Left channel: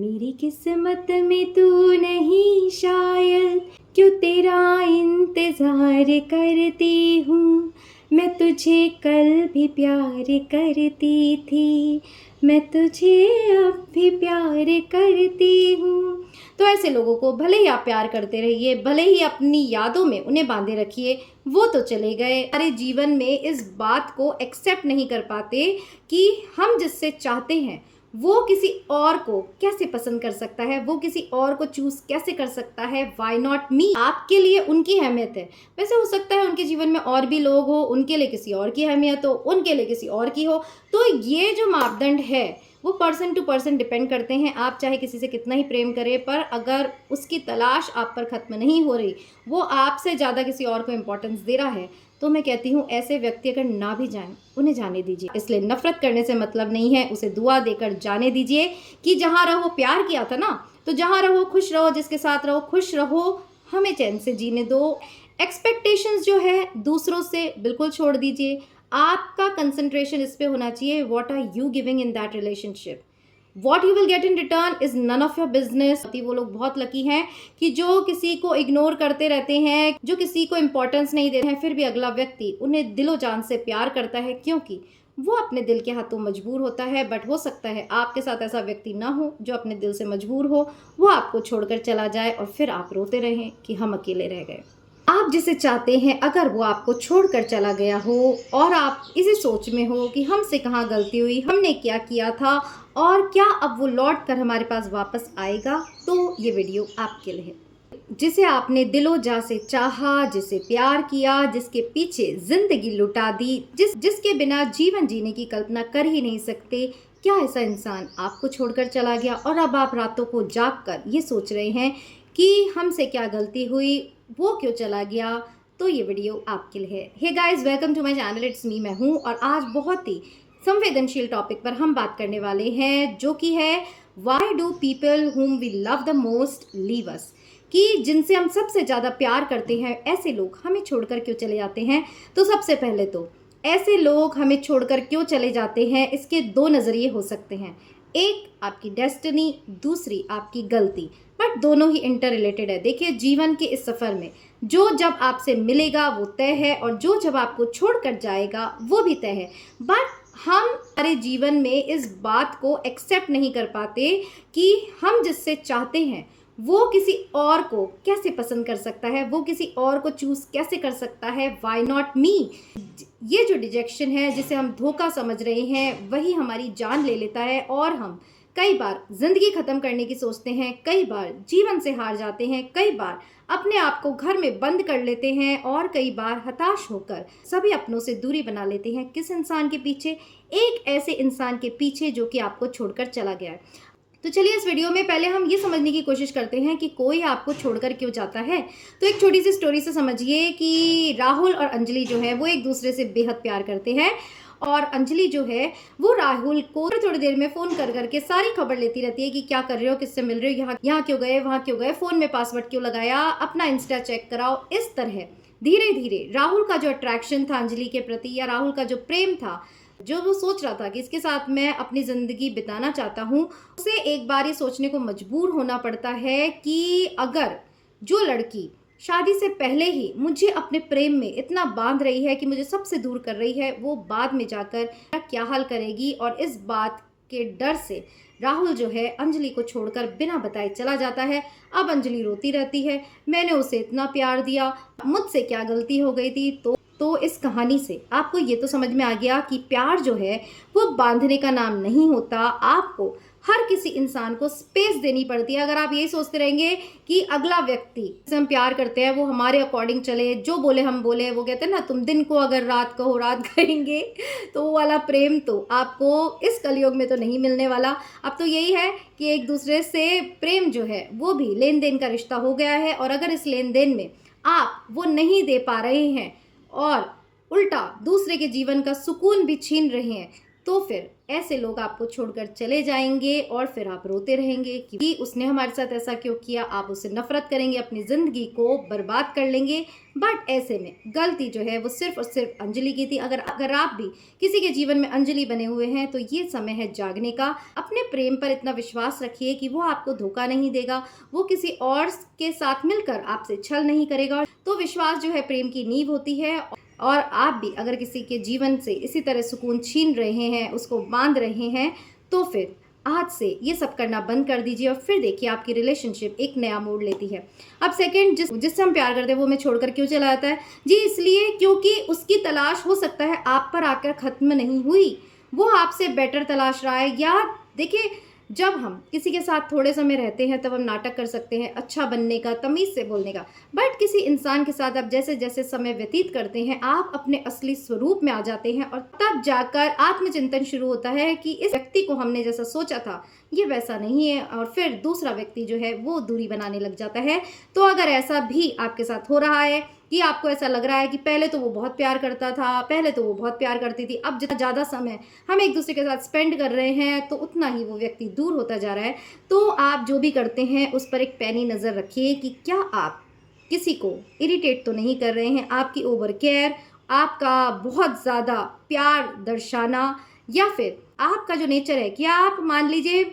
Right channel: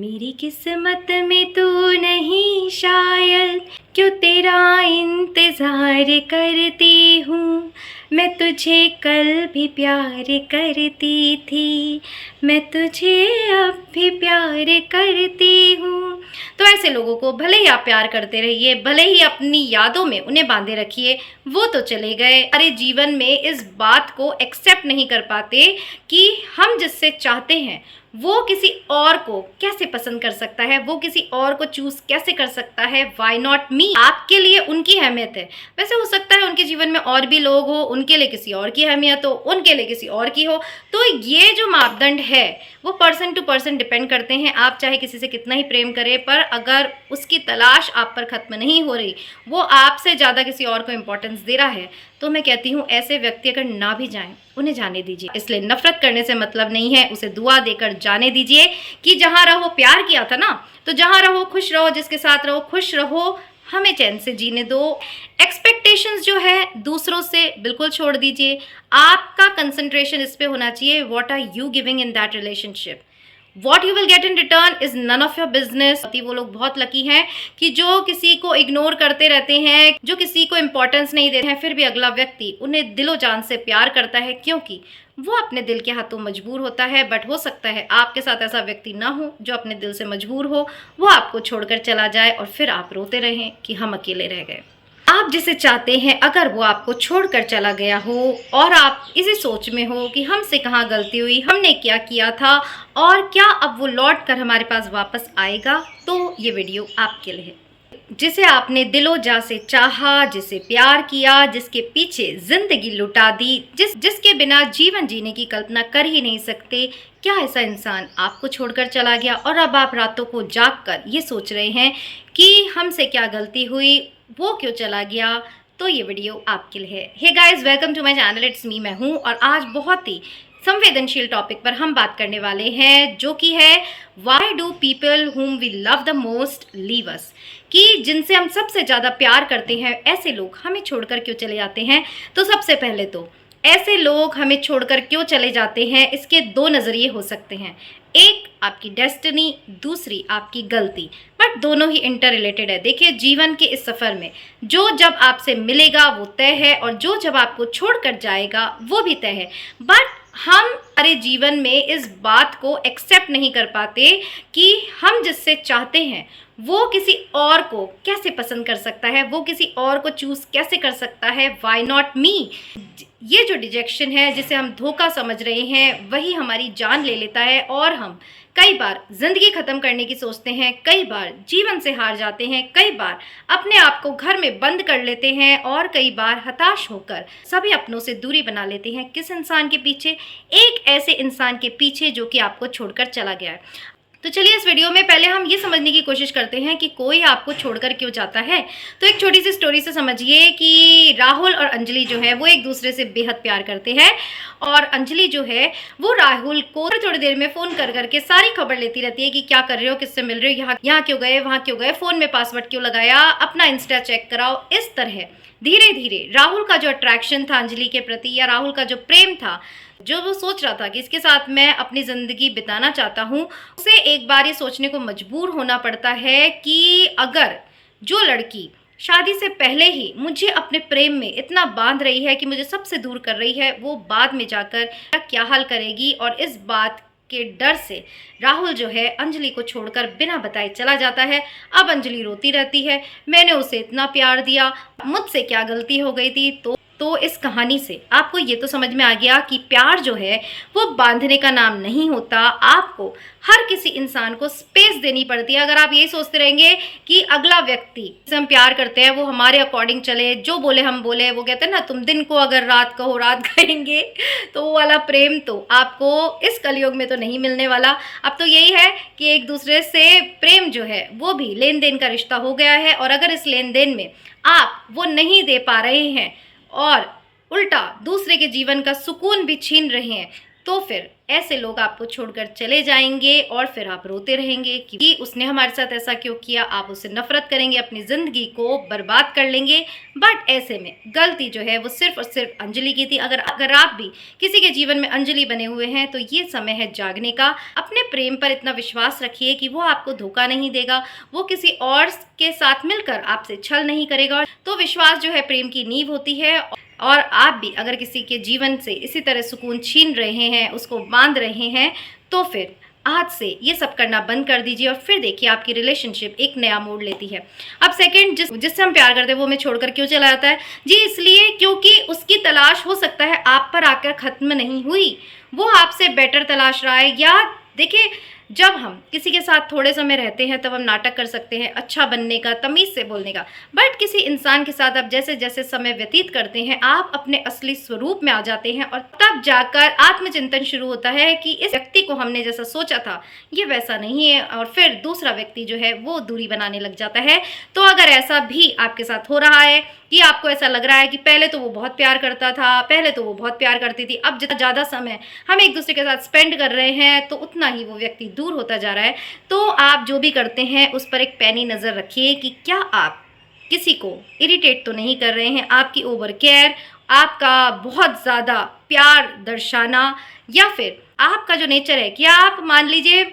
मेरी किस्मत में तू नहीं शायद, क्यों तेरा इंतज़ार करती हूँ। मैं तुझे कल भी प्यार करती थी, मैं तुझे अब भी प्यार करती हूँ। तो ऐसे लोगों को भले ही आप प्यार करते रहिए, भले ही अपनी यादों में उन्हें बांधे रखिए, वो तो चले गए। अरे जीवन में इस बात को एक्सेप्ट नहीं कर पाते कि हम जिससे चाहते हैं वो किसी और को कैसे पसंद कर सकता है, वो किसी और को चूज कैसे कर सकता है। Why not me. आपके लिए उनकी अहमियत है, वैसे हो सकता है उनके जीवन में और भी लोग हो, उनके लिए किसी और की अहमियत हो, उनके लिए किसी और की हो। तो ये जो मापदंड है वो पर्सन टू पर्सन डिपेंड करते हैं। आप चाहे किसी से कितना ही प्रेम करें, पर अगर उसकी तलाश आप पर खत्म नहीं हो रही, वो आपसे ज़्यादा किसी और को इम्पोर्टेंस दे रहा है, तो मैं कहती हूँ ऐसे व्यक्ति अगर ना भी जाएं, उन्हें जाने दीजिए। इसलिए नफरत करने से मतलब नहीं है, उसे दुआ देकर जाने दीजिए कि जहाँ रहो, प्यार किया था ना, तो जहाँ रहो खुश रहो, जिसके साथ रहो खुश रहो, हमें चैन से जीने दो। एक्सपेक्टेशंस जो है दूसरों से बिल्कुल छोड़ दीजिए। आपका कंसंट्रेशन इस पे होना चाहिए, what are you giving in that relationship. What you will get in return is none of your business. वो लोग बहुत लकी हैं कि जो किसी को इग्नोर करते रहते हैं, जो किसी को इंपॉर्टेंस नहीं देते हैं, फिर भी अगला व्यक्ति उन्हें दिलो जान से प्यार करता है, क्योंकि वो अपने दिल के हाथों मजबूर होता है। बट हो सकता है आपके साथ ऐसा व्यक्ति ना हो जो अपने दिल से मजबूर हो, वो आपको छोड़कर चला जाए और फिर आप रोते रहें कि हम अकेले रह गए। आप जिसे चाहते हैं अगर वो आपको छोड़कर चला गया हो और आप इसी सोच में हो कि हमसे कहाँ गलती हुई, हमने क्या किया था और क्या अब वो लौट कर हमारे पास वापस आएगा, तो ये वीडियो आपके लिए है। जिसे आपने दिलो जा से चाहा, जिसे प्यार किया, जिसके पीछे जिंदगी लुटा दी, जिसके बिना जीवन जीने की कल्पना कर ही नहीं सकते, क्या ऐसा इंसान आपको छोड़कर चला गया और अब आप रातों को जाग कर ये सोच रहे हैं कि हमसे क्या गलती हुई, वो क्यों चला गया। तो ये वीडियो आपके लिए है। Hey guys, welcome to my channel, it's me, मैं हूँ। और आज बहुत ही संवेदनशील टॉपिक पर हम बात करने वाले हैं, जो कि है why do people whom we love the most leave us. कि जिनसे हम सबसे ज़्यादा प्यार करते हैं, ऐसे लोग हमें छोड़कर क्यों चले जाते हैं। तो सबसे पहले तो ऐसे लोग हमें छोड़कर क्यों चले जाते हैं, इसके दो नज़रिए हो सकते हैं। एक आपकी डेस्टिनी, दूसरी आपकी गलती, बट दोनों ही इंटर रिलेटेड है। देखिए, जीवन के इस सफ़र में जो जब आपसे मिलेगा वो तय है, और जो जब आपको छोड़कर जाएगा वो भी तय है। बट हम हमारे जीवन में इस बात को एक्सेप्ट नहीं कर पाते कि हम जिससे चाहते हैं वो किसी और को कैसे पसंद कर सकता है, वो किसी और को चूज कैसे कर सकता है। Why not me. ये जो डिजेक्शन है, जिसे हम धोखा समझ रहे हैं, वही हमारी जान ले लेता है और हम कई बार जिंदगी खत्म करने की सोचते हैं, कई बार जीवन से हार जाते हैं, कई बार अपने आप को घर में बंद कर लेते हैं, और कई बार हताश होकर सभी अपनों से दूरी बना लेते हैं। किस इंसान के पीछे? एक ऐसे इंसान के पीछे जो कि आपको छोड़कर चला गया है। तो चलिए, इस वीडियो में पहले हम ये समझने की कोशिश करते हैं कि कोई आपको छोड़कर क्यों जाता है। तो एक छोटी सी स्टोरी से समझिए कि राहुल और अंजलि जो है वो एक दूसरे से बेहद प्यार करते हैं, और अंजलि जो है वो राहुल को थोड़ी देर में फ़ोन कर करके सारी खबर लेती रहती है कि क्या कर रहे हो, किससे मिल रहे हो, यहाँ क्यों गए, वहाँ क्यों गए, फ़ोन में पासवर्ड क्यों लगाया, अपना इंस्टा चेक कराओ। इस तरह धीरे धीरे राहुल का जो अट्रैक्शन था अंजलि के प्रति, या राहुल का जो प्रेम था, जो वो सोच रहा था कि इसके साथ मैं अपनी ज़िंदगी बिताना चाहता हूँ, उसे एक बार ये सोचने को मजबूर होना पड़ता है कि अगर जो लड़की शादी से पहले ही मुझे अपने प्रेम में इतना बांध रही है कि मुझे सबसे दूर कर रही है, वो बाद में जाकर क्या हाल करेगी। और इस बात के डर से राहुल जो है अंजलि को छोड़कर बिना बताए चला जाता है। अब अंजलि रोती रहती है, मैंने उसे इतना प्यार दिया, मुझसे क्या गलती हो गई थी। तो इस कहानी से आपको ये तो समझ में आ गया कि प्यार जो है वो बांधने का नाम नहीं होता। आपको हर किसी इंसान को स्पेस देनी पड़ती है। अगर आप यही सोचते रहेंगे कि अगला व्यक्ति जिसे हम प्यार करते हैं वो हमारे अकॉर्डिंग चले, जो बोले हम बोले, वो कहते हैं ना, तुम दिन को अगर रात कहो रात कहेंगे, तो वो वाला प्रेम तो आपको इस कलयुग में तो नहीं मिलने वाला। अब तो यही है कि एक दूसरे से प्रेम जो है वो भी लेन देन का रिश्ता हो गया है, और अगर इस लेन देन में आप वो नहीं दे पा रहे हैं और उल्टा दूसरे के जीवन का सुकून भी छीन रहे हैं, तो फिर ऐसे लोग आपको छोड़कर चले जाएंगे और फिर आप रोते रहेंगे कि उसने हमारे साथ ऐसा क्यों किया। आप उससे नफरत करेंगे, अपनी ज़िंदगी को बर्बाद कर लेंगे। बट ऐसे में गलती जो है वो सिर्फ और सिर्फ अंजलि की थी। अगर आप भी किसी के जीवन में अंजलि बने हुए हैं तो ये समय है जागने का। अपने प्रेम पर इतना विश्वास रखिए कि वो आपको धोखा नहीं देगा, वो किसी और के साथ मिलकर आपसे छल नहीं करेगा। तो विश्वास जो है प्रेम की नींव होती है। और आप भी अगर किसी के जीवन से इसी तरह सुकून छीन रहे हैं, उसको बांध रहे हैं, तो फिर आज से ये सब करना बंद कर दीजिए और फिर देखिए आपकी रिलेशनशिप एक नया मोड़ लेती है। अब सेकंड, जिससे हम प्यार करते हैं वो हमें छोड़कर क्यों चला जाता है जी? इसलिए क्योंकि उसकी तलाश हो सकता है आप पर आकर ख़त्म नहीं हुई, वो आपसे बेटर तलाश रहा है। या देखिए, जब हम किसी के साथ थोड़े समय रहते हैं तब हम नाटक कर सकते हैं अच्छा बनने का, तमीज़ से बोलने का। बट किसी इंसान के साथ आप जैसे जैसे समय व्यतीत करते हैं आप अपने असली स्वरूप में आ जाते हैं और तब जाकर आत्मचिंतन शुरू होता है कि इस व्यक्ति को हमने जैसा सोचा था ये वैसा नहीं है, और फिर दूसरा व्यक्ति जो है वो दूरी बनाने लग जाता है। तो अगर ऐसा भी आपके साथ हो रहा है कि आपको ऐसा लग रहा है कि पहले तो वो बहुत प्यार करता था, पहले तो वो बहुत प्यार करती थी, अब जितना ज़्यादा समय हम एक दूसरे के साथ स्पेंड कर रहे हैं तो उतना ही वो व्यक्ति दूर होता जा रहा है, तो आप जो भी करते हैं उस पर एक पैनी नज़र रखिए कि क्या आप किसी को इरिटेट तो नहीं कर रहे हैं। आपकी ओवर केयर, आपका बहुत ज़्यादा प्यार दर्शाना, या फिर आपका जो नेचर है कि आप मान लीजिए,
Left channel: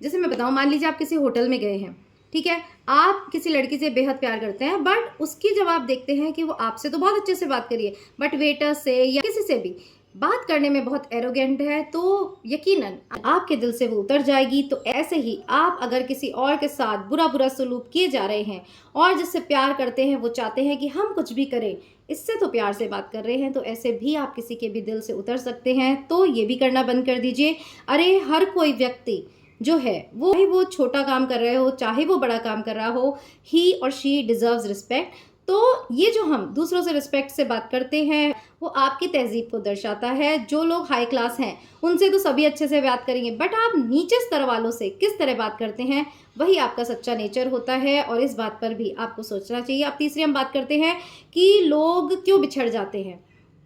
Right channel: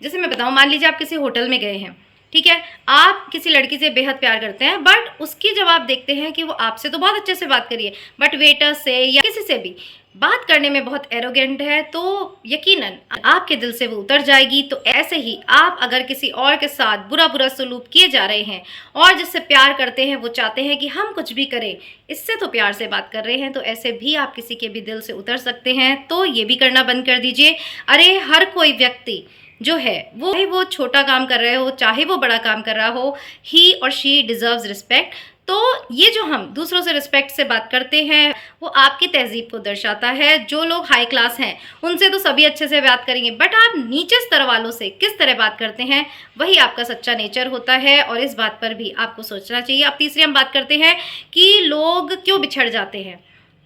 जैसे मैं बताऊँ, मान लीजिए आप किसी होटल में गए हैं, ठीक है, आप किसी लड़की से बेहद प्यार करते हैं, बट उसकी जब आप देखते हैं कि वो आपसे तो बहुत अच्छे से बात करिए बट वेटर से या किसी से भी बात करने में बहुत एरोगेंट है, तो यकीनन आपके दिल से वो उतर जाएगी। तो ऐसे ही आप अगर किसी और के साथ बुरा बुरा सलूक किए जा रहे हैं और जिससे प्यार करते हैं वो चाहते हैं कि हम कुछ भी करें, इससे तो प्यार से बात कर रहे हैं, तो ऐसे भी आप किसी के भी दिल से उतर सकते हैं। तो ये भी करना बंद कर दीजिए। अरे हर कोई व्यक्ति जो है वो छोटा काम कर रहे हो चाहे वो बड़ा काम कर रहा हो, ही और शी डिजर्व्स रिस्पेक्ट। तो ये जो हम दूसरों से रिस्पेक्ट से बात करते हैं वो आपकी तहजीब को दर्शाता है। जो लोग हाई क्लास हैं उनसे तो सभी अच्छे से बात करेंगे, बट आप नीचे स्तर वालों से किस तरह बात करते हैं वही आपका सच्चा नेचर होता है, और इस बात पर भी आपको सोचना चाहिए। अब तीसरी हम बात करते हैं कि लोग क्यों बिछड़ जाते हैं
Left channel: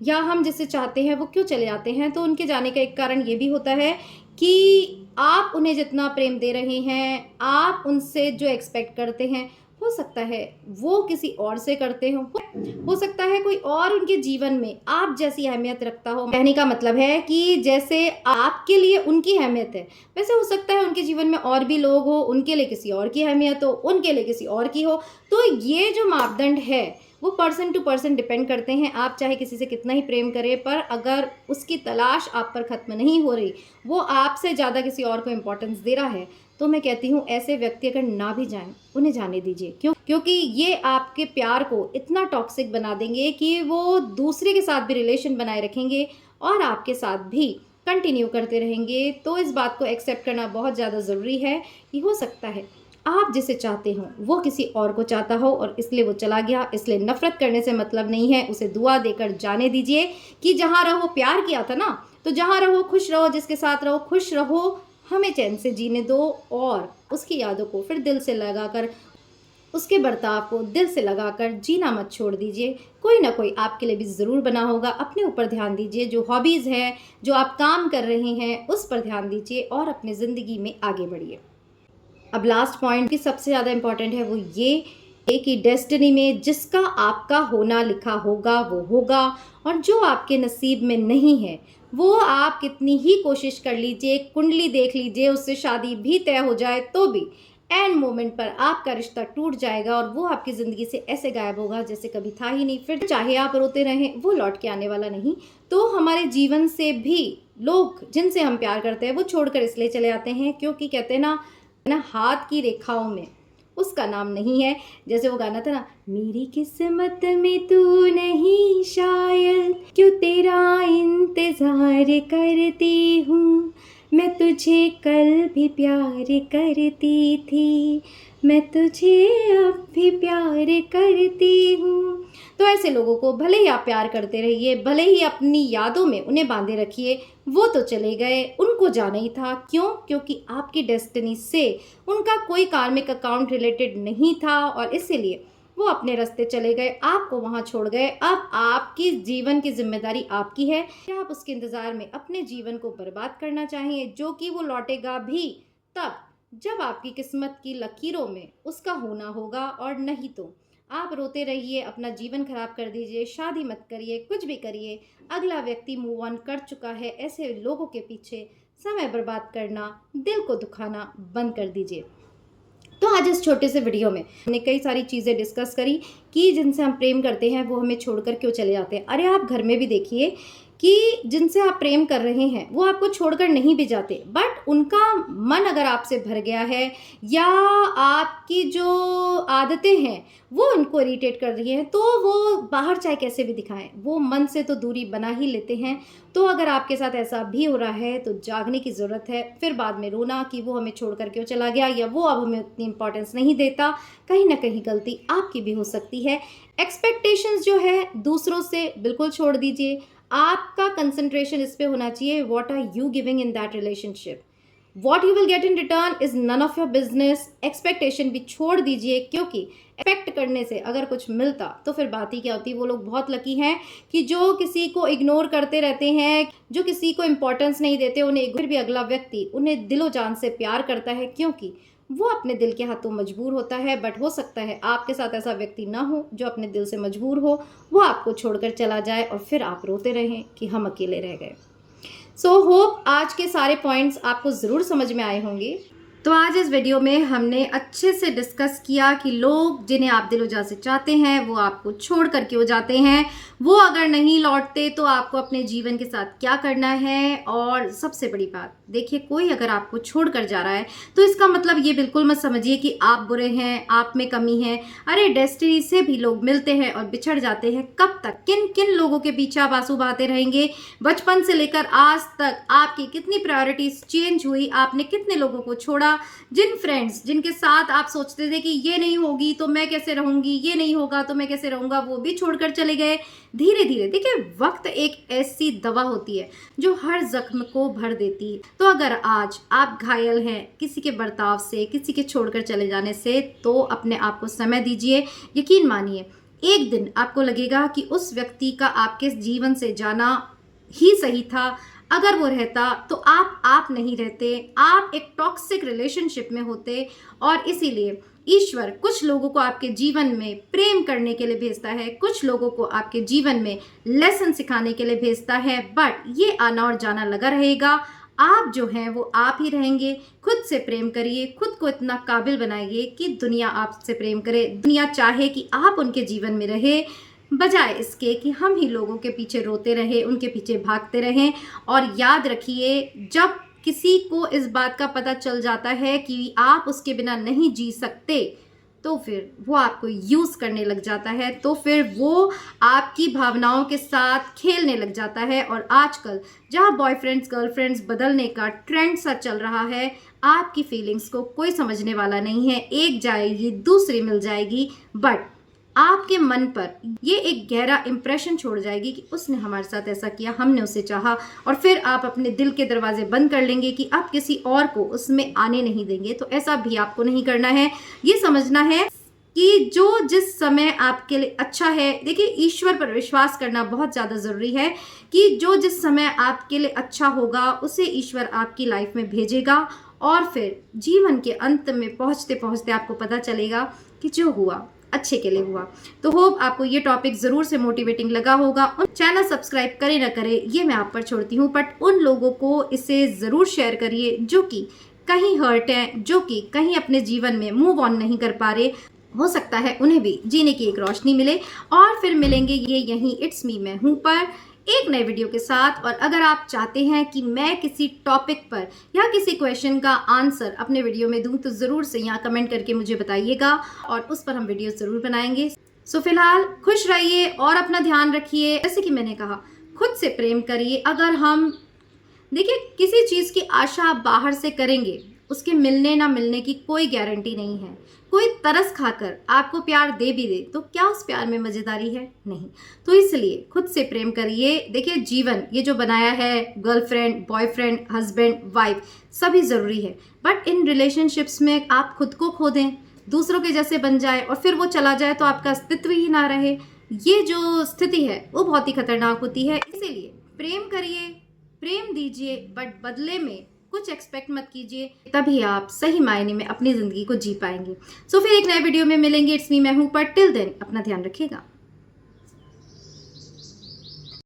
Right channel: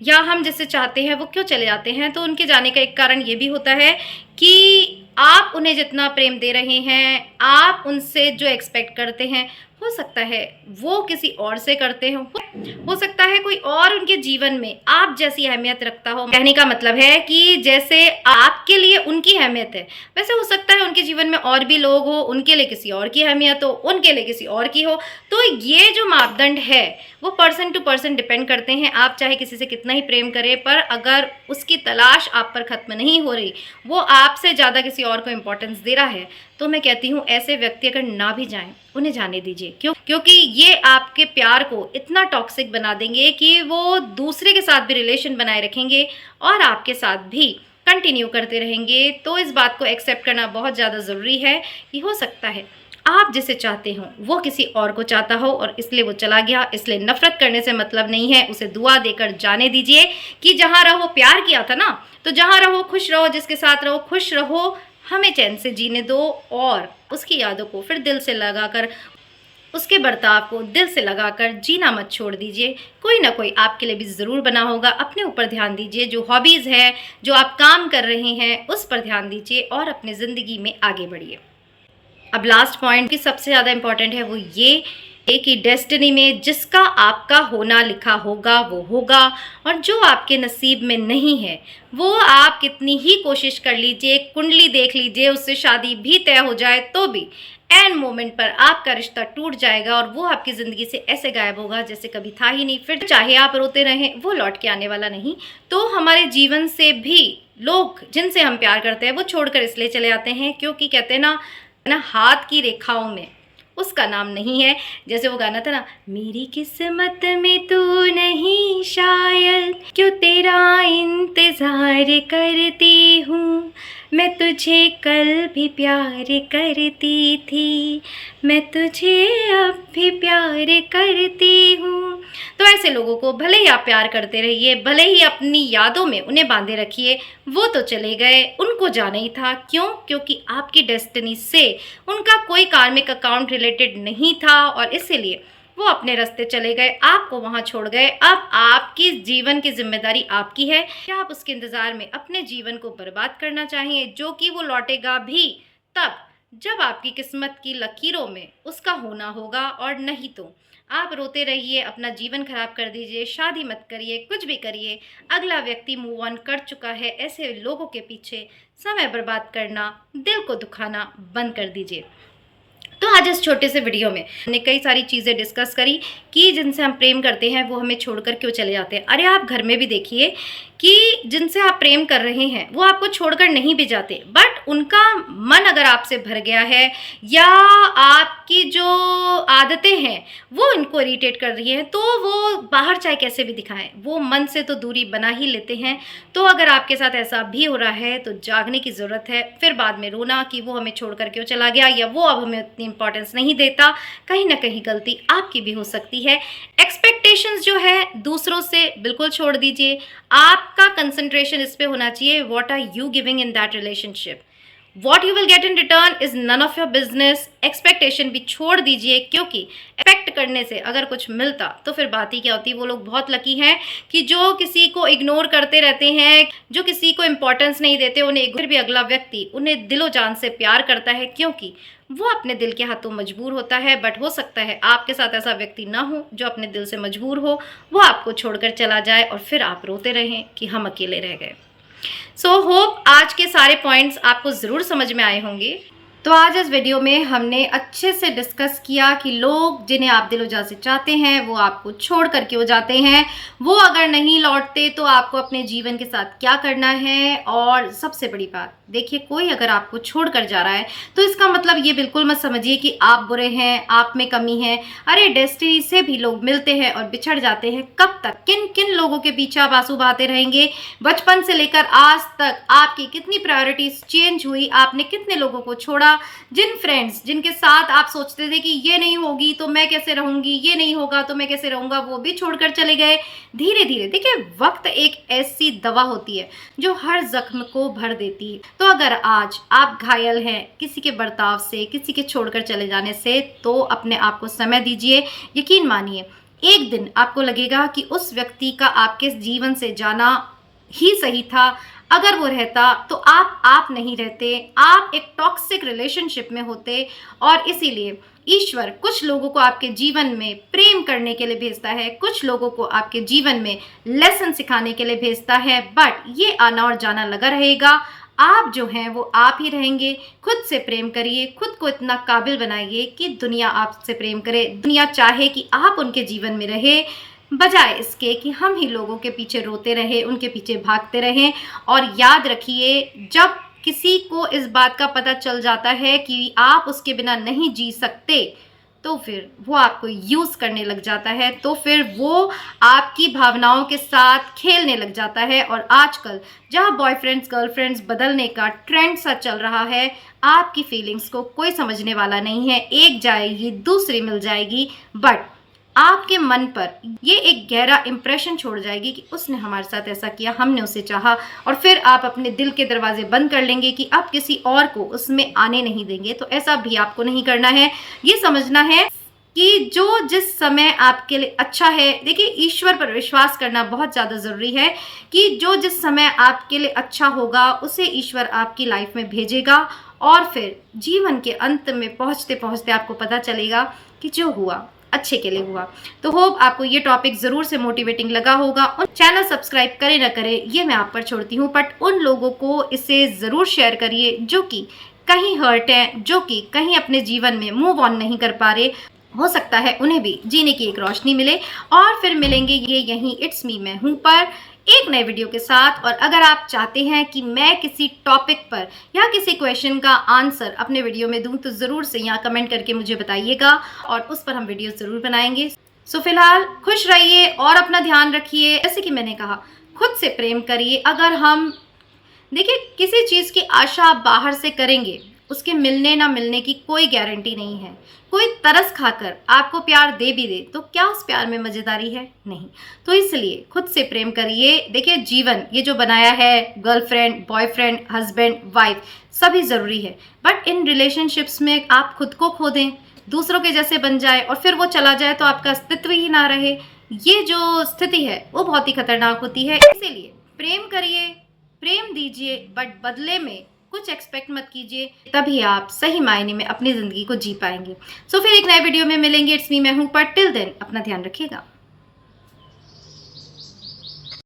या हम जिससे चाहते हैं वो क्यों चले जाते हैं। तो उनके जाने का एक कारण ये भी होता है कि आप उन्हें जितना प्रेम दे रहे हैं, आप उनसे जो एक्सपेक्ट करते हैं, हो सकता है वो किसी और से करते हो सकता है कोई और उनके जीवन में आप जैसी अहमियत रखता हो। कहने का मतलब है कि जैसे आपके लिए उनकी अहमियत है, वैसे हो सकता है उनके जीवन में और भी लोग हो, उनके लिए किसी और की अहमियत हो, उनके लिए किसी और की हो। तो ये जो मापदंड है वो पर्सन टू पर्सन डिपेंड करते हैं। आप चाहे किसी से कितना ही प्रेम करें, पर अगर उसकी तलाश आप पर ख़त्म नहीं हो रही, वो आपसे ज़्यादा किसी और को इम्पोर्टेंस दे रहा है, तो मैं कहती हूँ ऐसे व्यक्ति अगर ना भी जाएं, उन्हें जाने दीजिए। क्योंकि ये आपके प्यार को इतना टॉक्सिक बना देंगे कि वो दूसरे के साथ भी रिलेशन बनाए रखेंगे और आपके साथ भी कंटिन्यू करते रहेंगे। तो इस बात को एक्सेप्ट करना बहुत ज़्यादा ज़रूरी है कि हो सकता है आप जिसे चाहते हो वो किसी और को चाहता हो और इसलिए वो चला गया। इसलिए नफरत करने से मतलब नहीं है, उसे दुआ देकर जाने दीजिए कि जहाँ रहो, प्यार किया था ना, तो जहाँ रहो खुश रहो, जिसके साथ रहो खुश रहो, हमें चैन से जीने दो। और उसकी यादों को फिर दिल से लगाकर, उसके बर्ताव को दिल से लगाकर जीना मत छोड़ दीजिए। कोई ना कोई आपके लिए भी ज़रूर बना होगा। अपने ऊपर ध्यान दीजिए, जो हॉबीज़ है, जो आप काम कर रहे हैं उस पर ध्यान दीजिए और अपनी ज़िंदगी में आगे बढ़िए। अब लास्ट पॉइंट की सबसे ज़्यादा इम्पॉर्टेंट है वो ये कि डेस्टिनी में जिसका आपका होना लिखा होगा वो होगा, और जो आपके नसीब में नहीं है वो आप कितनी ही कोशिश कर लीजिए, कुंडली देख लीजिए, उससे शादी भी तय हो जाए तो भी एंड मोमेंट पर आपका रिश्ता टूट जाएगा और वो आपकी ज़िंदगी से ऐसे गायब होगा जैसे कभी था ही नहीं। फिर चाहे आप रोते रहें, वो लौट के आने वाला नहीं। तो हमारे जीवन से भी लोग जिनसे हम प्यार करते हैं वो छोड़कर इसलिए चले आते हैं क्योंकि कहते हैं ना हाथ की रेखाओं में उसका नाम नहीं है। जैसे वो गाना था ना, मेरी किस्मत में तू नहीं शायद, क्यों तेरा इंतज़ार करती हूँ, मैं तुझे कल भी प्यार करती थी, मैं तुझे अब भी प्यार करती हूँ। तो ऐसे लोगों को भले ही आप प्यार करते रहिए, भले ही अपनी यादों में उन्हें बांधे रखिए, वो तो चले गए, उनको जाना ही था। क्यों? क्योंकि आपकी डेस्टिनी से उनका कोई कार्मिक अकाउंट रिलेटेड नहीं था और इसीलिए वो अपने रास्ते चले गए, आपको वहाँ छोड़ गए। अब आपकी जीवन की जिम्मेदारी आपकी है। क्या आप उसके इंतज़ार में अपने जीवन को बर्बाद करना चाहिए, जो कि वो लौटेगा भी तब जब आपकी किस्मत की लकीरों में उसका होना होगा, और नहीं तो आप रोते रहिए, अपना जीवन खराब कर दीजिए, शादी मत करिए, कुछ भी करिए। अगला व्यक्ति मूव ऑन कर चुका है, ऐसे लोगों के पीछे समय बर्बाद करना, दिल को दुखाना बंद कर दीजिए। तो आज इस छोटे से वीडियो में हमने कई सारी चीज़ें डिस्कस करी कि जिनसे हम प्रेम करते हैं वो हमें छोड़कर क्यों चले जाते हैं। अरे आप घर में भी देखिए कि जिनसे आप प्रेम कर रहे हैं वो आपको छोड़कर नहीं भी जाते, बट उनका मन अगर आपसे भर गया है या आपकी जो आदतें हैं वो इनको इरिटेट कर रही हैं, तो वो बाहर चाहे कैसे भी दिखाएं, वो मन से तो दूरी बना ही लेते हैं। तो अगर आपके साथ ऐसा भी हो रहा है तो जागने की ज़रूरत है, फिर बाद में रोना कि वो हमें छोड़कर क्यों चला गया या वो अब हमें उतनी इंपॉर्टेंस नहीं देता। कहीं ना कहीं गलती आपकी भी हो सकती है। एक्सपेक्टेशंस जो है दूसरों से बिल्कुल छोड़ दीजिए। आपका कंसंट्रेशन इस पे होना चाहिए, what are you giving in that relationship, what you will get in return is none of your business. Expectation भी छोड़ दीजिए, क्योंकि एक्सपेक्ट करने से अगर कुछ मिलता तो फिर बात ही क्या होती। वो लोग बहुत लकी हैं कि जो किसी को इग्नोर करते रहते हैं, जो किसी को इंपॉर्टेंस नहीं देते, उन्हें फिर भी अगला व्यक्ति उन्हें दिलो जान से प्यार करता है, क्योंकि वो अपने दिल के हाथों मजबूर होता है। बट हो सकता है आपके साथ ऐसा व्यक्ति ना हो जो अपने दिल से मजबूर हो, वो आपको छोड़कर चला जाए और फिर आप रोते रहें कि हम अकेले रह गए। सो होप आज के सारे पॉइंट्स आपको ज़रूर समझ में आए होंगे। तो आज इस वीडियो में हमने अच्छे से डिस्कस किया कि लोग जिन्हें आप दिलो जान से चाहते हैं वो आपको छोड़ कर क्यों जाते हैं, वो अगर नहीं लौटते तो आपको अपने जीवन के साथ क्या करना है। और सबसे बड़ी बात देखिए, कोई अगर आपको छोड़ कर जा रहा है तो इसका मतलब ये बिल्कुल मत समझिए कि आप बुरे हैं, आप में कमी है। अरे डेस्टिनी से भी लोग मिलते हैं और बिछड़ जाते हैं। कब तक किन किन लोगों के पीछे आप आंसू बहाते रहेंगे? बचपन से लेकर आज तक आपकी कितनी प्रायोरिटीज चेंज हुई, आपने कितने लोगों को छोड़ा। जिन फ्रेंड्स जिनके साथ आप सोचते थे कि ये नहीं होगी तो मैं कैसे रहूंगी, ये नहीं होगा तो मैं कैसे रहूंगा, वो भी छोड़कर चले गए। धीरे धीरे देखिए, वक्त एक ऐसी दवा होती है जो हर जख्म को भर देती है। तो अगर आज आप घायल हैं किसी के बर्ताव से, किसी के छोड़कर चले जाने से, तो अपने आप को समय दीजिए। यकीन मानिए एक दिन आपको लगेगा कि उस व्यक्ति का आपके जीवन से जाना ही सही था। अगर वो रहता तो आप नहीं रहते, आप एक टॉक्सिक रिलेशनशिप में होते। और इसीलिए ईश्वर कुछ लोगों को आपके जीवन में प्रेम करने के लिए भेजता है, कुछ लोगों को आपके जीवन में लेसन सिखाने के लिए भेजता है। बट ये आना और जाना लगा रहेगा। आप जो हैं वो आप ही रहेंगे। खुद से प्रेम करिए, खुद को इतना काबिल बनाइए कि दुनिया आपसे प्रेम करे, दुनिया चाहे कि आप उनके जीवन में रहे, बजाय इसके कि हम ही लोगों के पीछे रोते रहे, उनके पीछे भागते रहें। और याद रखिए, जब किसी को इस बात का पता चल जाता है कि आप उसके बिना नहीं जी सकते, तो फिर वो आपको यूज़ करने लग जाता है, तो फिर वो आपकी भावनाओं के साथ खेलने लग जाता है। और आजकल जहाँ बॉयफ्रेंड्स गर्लफ्रेंड्स बदलने का ट्रेंड सा चल रहा है, आपकी फीलिंग्स को कोई समझने वाला नहीं है। एक जाएगी दूसरी मिल जाएगी, बट आपके मन पर ये एक गहरा इंप्रेशन छोड़ जाएगी कि उसने हमारे साथ ऐसा किया, हमने उसे चाहा। और फिर आप अपने दिल के दरवाजे बंद कर लेंगे कि आप किसी और को उसमें आने नहीं देंगे। तो ऐसा भी आपको नहीं करना है। ये समझना है कि जो जिस समय आपके लिए अच्छा है, देखिए ईश्वर पर विश्वास करना बहुत ज़्यादा ज़रूरी है कि जो जिस समय आपके लिए अच्छा होगा उसे ईश्वर आपकी लाइफ में भेजेगा। और फिर जीवन के अंत में पहुँचते पहुँचते आपको पता चलेगा कि जो हुआ अच्छे के लिए हुआ। तो होप आपको ये टॉपिक ज़रूर से मोटिवेटिंग लगा होगा। उन चैनल सब्सक्राइब करें ना करें ये मैं आप पर छोड़ती हूँ, बट उन लोगों को इसे ज़रूर शेयर करिए जो कि कहीं हर्ट हैं, जो कि कहीं अपने जीवन में मूव ऑन नहीं कर पा रहे। हो सकता है उन्हें भी जीने की एक रोशनी मिले। और फिर मिलेंगे ये यहीं इट्स मी मैं हूँ पर एक नए वीडियो के साथ। और अगर आप चाहते हैं कि मैं किसी टॉपिक पर या किसी क्वेश्चन का आंसर अपने वीडियो में दूं, तो ज़रूर से यहाँ कमेंट करके मुझे बताइएगा और उस पर हम वीडियो ज़रूर बनाएंगे। सो फिलहाल खुश रहिए और अपना ध्यान रखिए। जैसे कि मैंने कहा, खुद से प्रेम करिए। अगर हम देखिए किसी चीज़ की आशा आप बाहर से करेंगे, उसके मिलने ना मिलने की कोई गारंटी नहीं है। कोई तरस खाकर आपको प्यार दे भी दे तो क्या उस प्यार में मज़ेदारी है? नहीं। तो इसलिए खुद से प्रेम करिए। देखिए जीवन ये जो बनाया है, गर्लफ्रेंड बॉयफ्रेंड हस्बैंड वाइफ सभी ज़रूरी है, बट इन रिलेशनशिप्स में आप खुद को खो दें दूसरों के जैसे बन जाए और फिर वो चला जाए तो आपका अस्तित्व ही ना रहे, ये जो स्थिति है वो बहुत ही खतरनाक होती है। इसीलिए प्रेम करिए, प्रेम दीजिए, बट बदले में कुछ एक्सपेक्ट मत कीजिए, तभी आप सही मायने में अपनी ज़िंदगी को जी पाएंगे। सो फिर एक नए वीडियो में मिलेंगे। इट्स मी, मैं हूँ, पर टिल देन अपना ध्यान रखिएगा।